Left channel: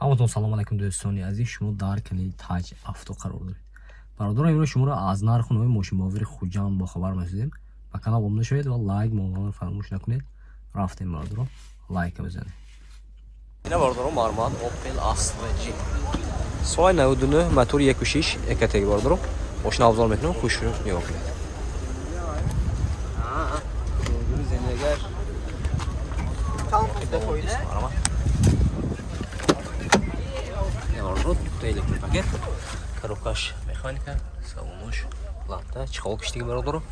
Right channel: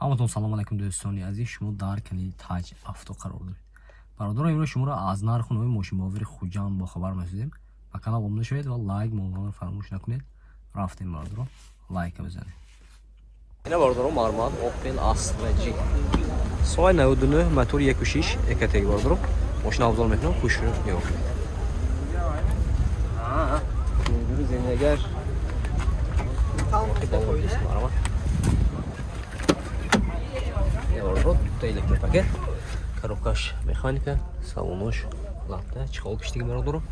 ҳаматон салом алайкум дӯстони азиз, шумо дар канали Taj Авто қарор доред. Бародарон, имрӯз шуморо аз нарху номи мошинбовари Хуҷанд бохабар месозем. Ба канал обуна шавед ва лайк монро фаромӯш накунед. Рафтем бародарон, лайк бизанед. Ина бародарон, мармад Opel Astra G. Сои 99 мотор 1.6 экатеги бародарон. Мошина абзал метнам, хушро нигоҳ кунед. Электропакет, коробкаш механика, салонош латта, чехол киштиги бародарон.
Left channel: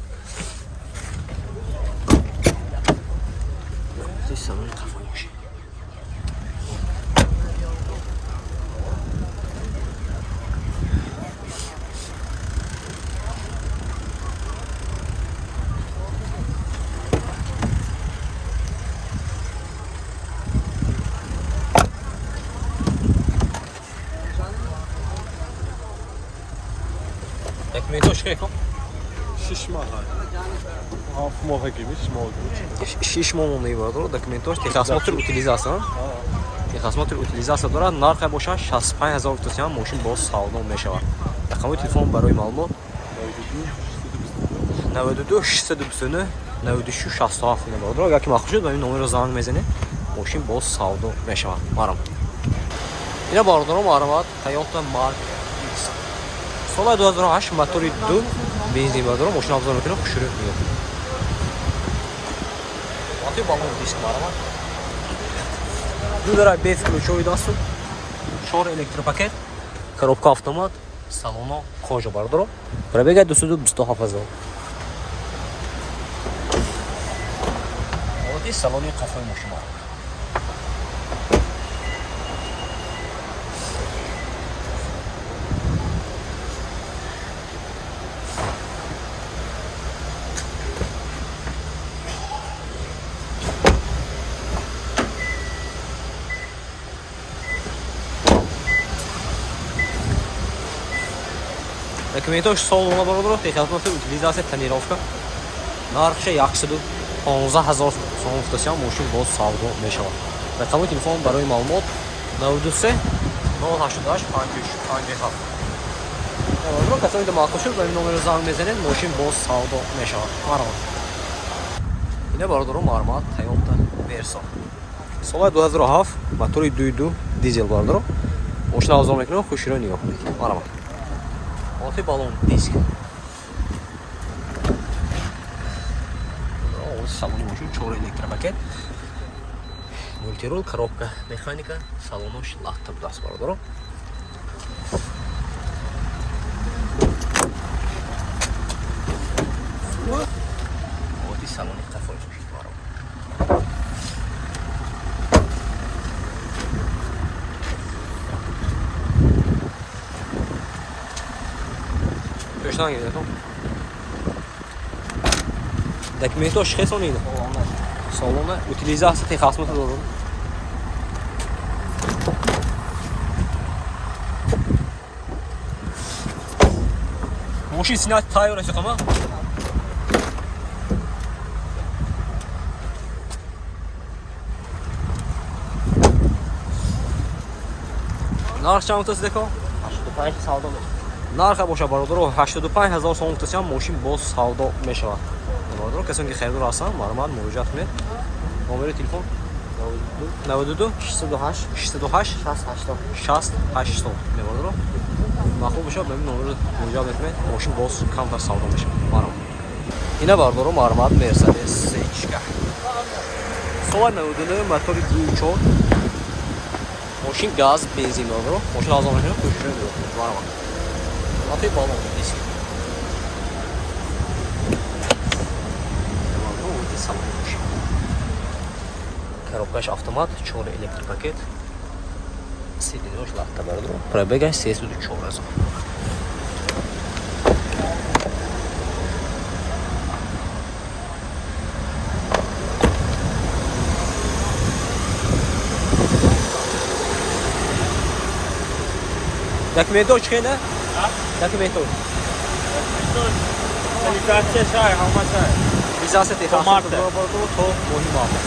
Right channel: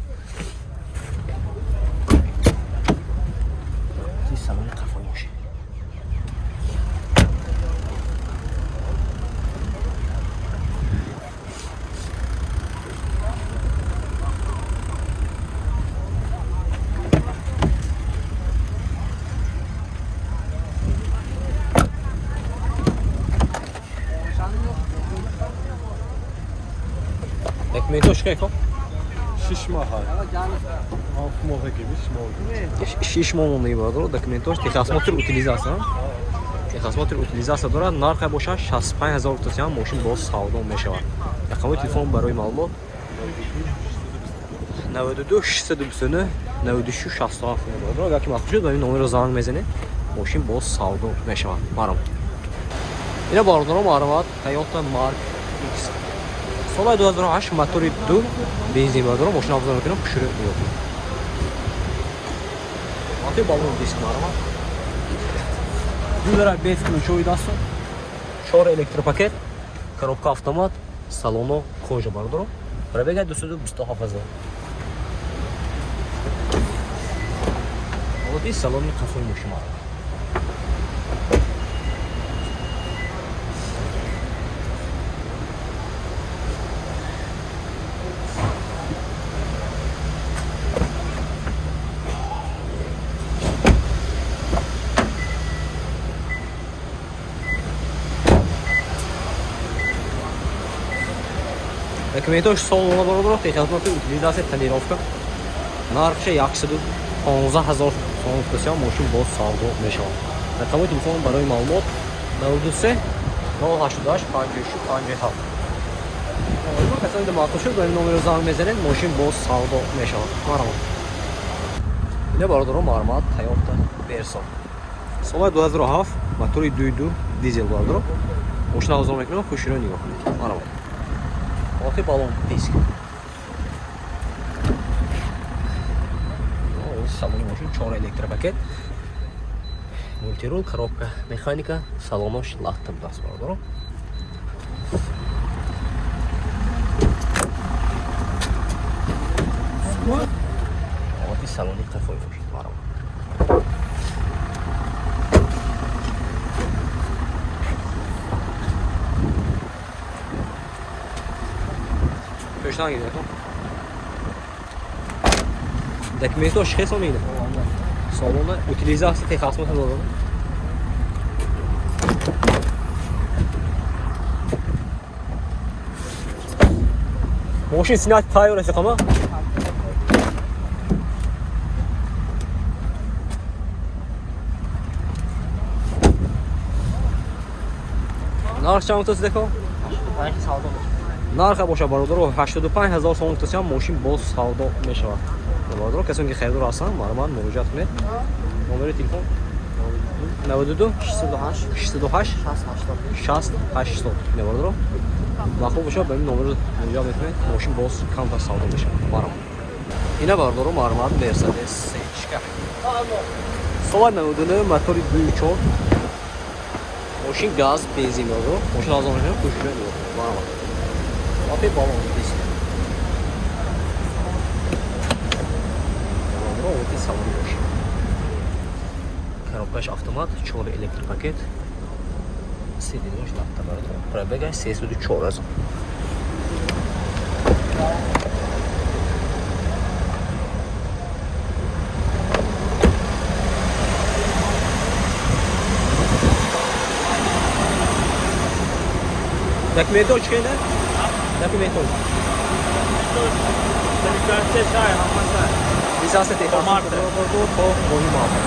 Здесь салони қафои машин. Документош сколько? 6 мах. 7 мах гибиш, 6 мах мебарад. Документош техосмотр утилизация. Техосмотр утилизация дорад. Нарх боша 65000 тосян машин боз савдо мешавад. Рақами телефон барои маълумот 92 629 96 67 мебарад. Агар ки махсус шуд ба ин номерро занг мезанед, машин боз савдо мешавад. Марам. Ина бародарон, марват Toyota Mark X. Соли 2008 мотори 2 бензин бародарон, машина абзал мекунам, хушро нигоҳ кунед. Мотори балон диск марамад. Дудара без ключовой дасту, 4 электропакет, коробка автомат, салоно кожа бародарон. Пробега 227,000. Вот и салони қафои машина. Документош салона бародарон, техосмотр утилизация тонировка. Нархш 115,000 сом тосян машин боз савдо мешавад. Рақами телефон барои маълумот 93 088 56 57. Бародарон, касони махсус шуд ба ин номерро занг мезанед, машин боз савдо мешавад. Марҳамат. Ина бародарон, мармад Toyota Verso. Соли 2007 мотори 2.2 дизел бародарон. Машина абзал мекунам, хушро нигоҳ кунед. Марҳамат. Вот и баллон диск. Вот салон машин 4 электропакет. Мультирул, коробка механика, салонош латта даст бародарон. Вот и салони қафои машин бародарон. Пешдан гидем. Документош хесон иде. Салона утилизация техосмотр дорад. Машин снять тайр аст қама. Нарх чанд тост деко? нарх боша бародарон 85000 сом тосян машин боз савдо мешавад. Бародарон, касоне ки харидор ҳастанд, мармад муроҷиат кунед. Номери телефон 92 628 6080. Бародарон, махбуб боша ба ин номер муроҷиат мекунед, машин боз камтар савдо мешавад. Марам. Ина бародарон, мармад Mercedes C-чка. Соли 99 мотори 2.4 машин газ бензин бародарон. Машин абзал мекунам, хушро нигоҳ кунед. Марам. Вот и баллон здесь. Вот и салон машин. Коробкаш автомат, 4 электропакет. Сидидрош латта бародарон. Пробега 34,000. Документош чекайна? Документош. Utilizacja техосмотр дорад то моҳи марта.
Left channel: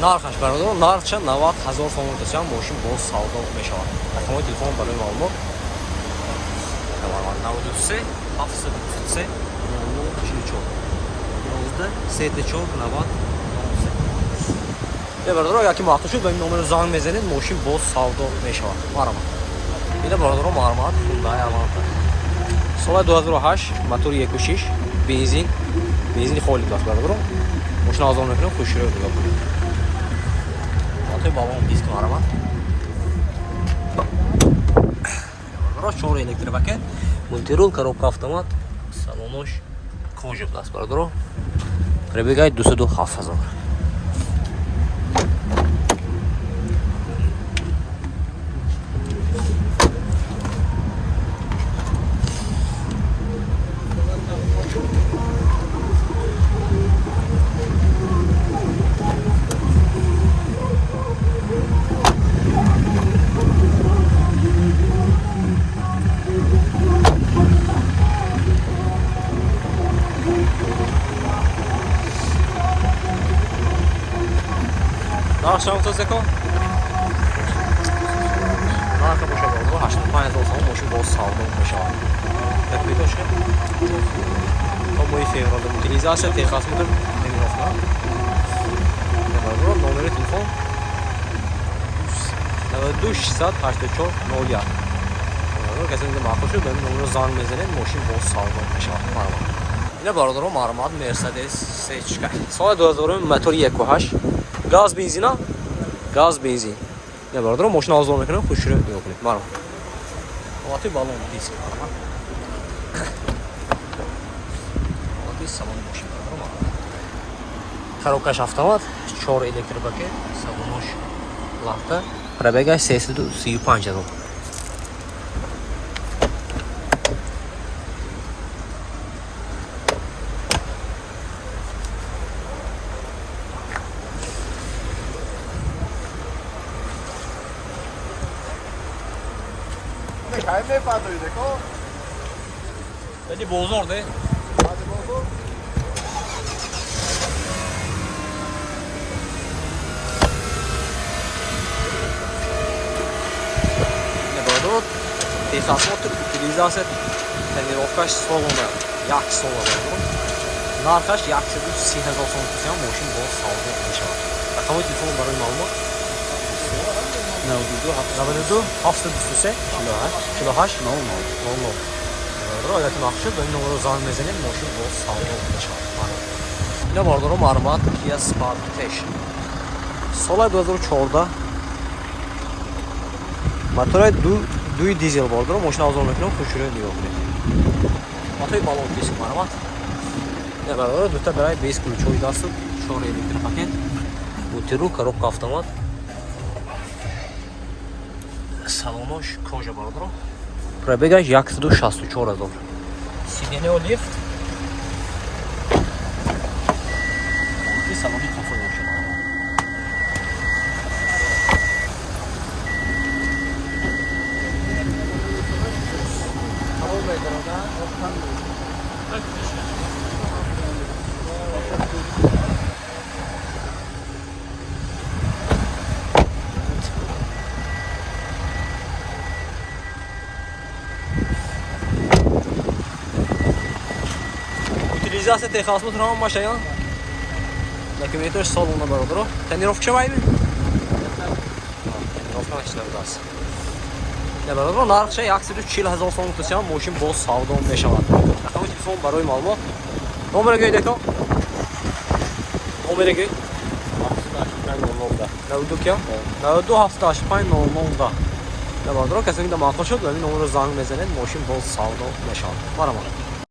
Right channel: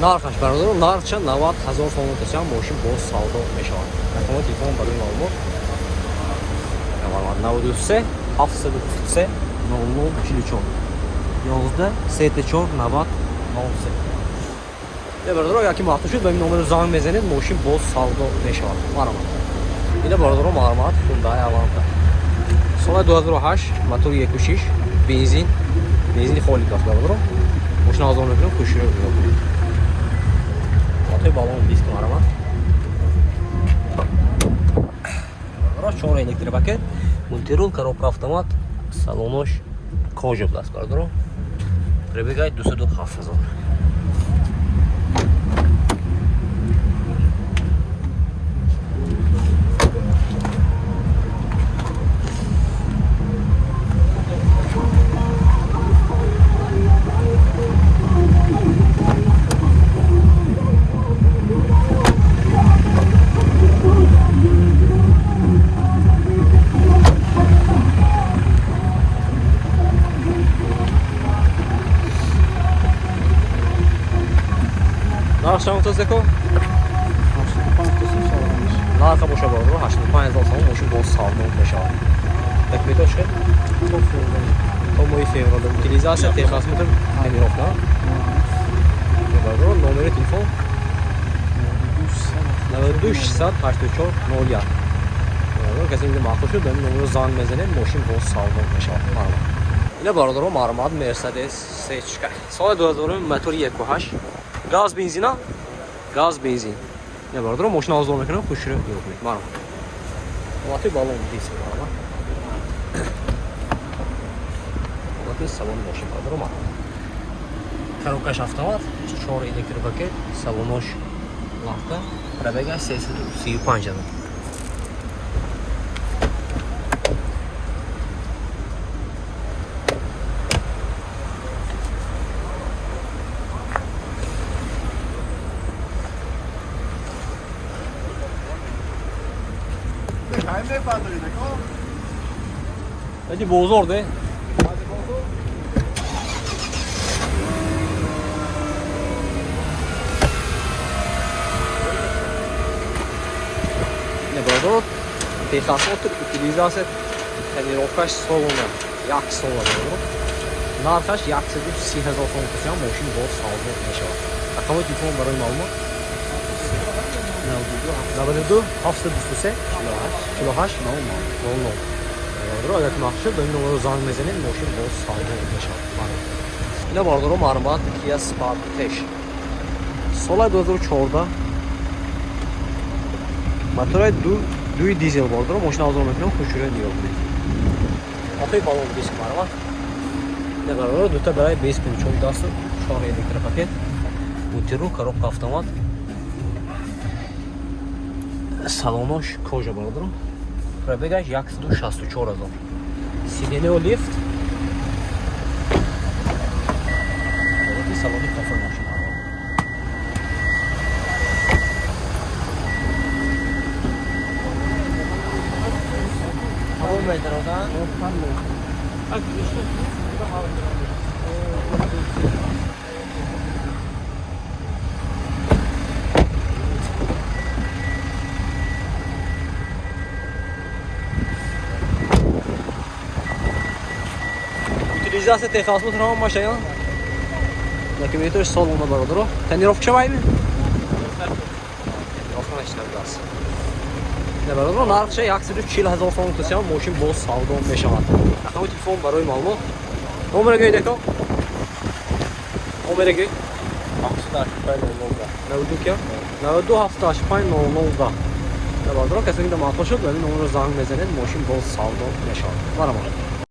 нархаш бародаро, нархша 90000 сом мутасиам мошин боз савдо мешавад. Рақамои телефон барои маълумот 93 723 0044 11 34 90 93. Бародаро, яки вақт шуд ба ин номеро занг мезанед, мошин боз савдо мешавад. Марамад. Ина бародаро маълумот Hyundai Elantra. Соли 2008, мотори 1.6, бензини холид аст бародаро. Мошин арзон мекунем, хуширо нигоҳ кунед. Вақти балон диск марамад. Бародаро 4 электропакет, мультирул, коробка автомат, салонош кожа аст бародаро. Пробегаи 207,000. Нархшам тозеко? Нарха боша бародаро 85000 сом мошин боз савдо мешавад. Такметошке? То мои феврал утилизация техасмут эмирофна. Я бародаро номери телефон 92 684 01. Бародаро касе инҷа махсус шуд ба ин номеро занг мезанед, мошин боз савдо мешавад. Маълумот. Ина бародаро маълумот Mercedes C-чка. Соли 2000 мотори 1.8. Газ бензина? Газ бензин. Не бародаро мошин арзон мекунем, хуширо нигоҳ кунед. Марам. Вақти балон диск марам. Вақти салон мошин бародаро марам. Коробкаш автомат, 4 электропакет, салонош лафта, пробегаш 335,000. Dedi bozor de. Ne barодаро техасмот утилизация тренировкаш солона, як сола бародаро. Нархаш 130000 сом мутасиам мошин боз савдо мешавад. Рақамои телефон барои маълумот 92 723 48 00. Бародаро, агар махшуд ба ин номеро занг мезанед, мошин боз савдо мешавад. Ина бародаро маълумот Kia Sportage. Соли 2014 мотори 2 дизел бародаро, мошин арзон мекунем, хуширо нигоҳ кунед. Вақти балон диск маълумот. Ина бародаро дута барои 20 ключови даст, 4 электропакет, мультирул, коробка автомат, салонош кожа бародаро. Пробегаш 164,000. Сиденео лифт. Вот и салон тофон машина. Утилизация техасмут ҳам машина. Документош салона бародаро. Тренировка шавайми? Тренировка наштадаст. Не бародаро нархша 140000 сом мутасиам мошин боз савдо мешавад. Рақамои телефон барои маълумот. Номеро гӯй деко. Номеро гӯй. 92 785 00. Не бародаро касе ки да махсус шуд ба ин номеро занг мезанед, мошин боз савдо мешавад. Марамад.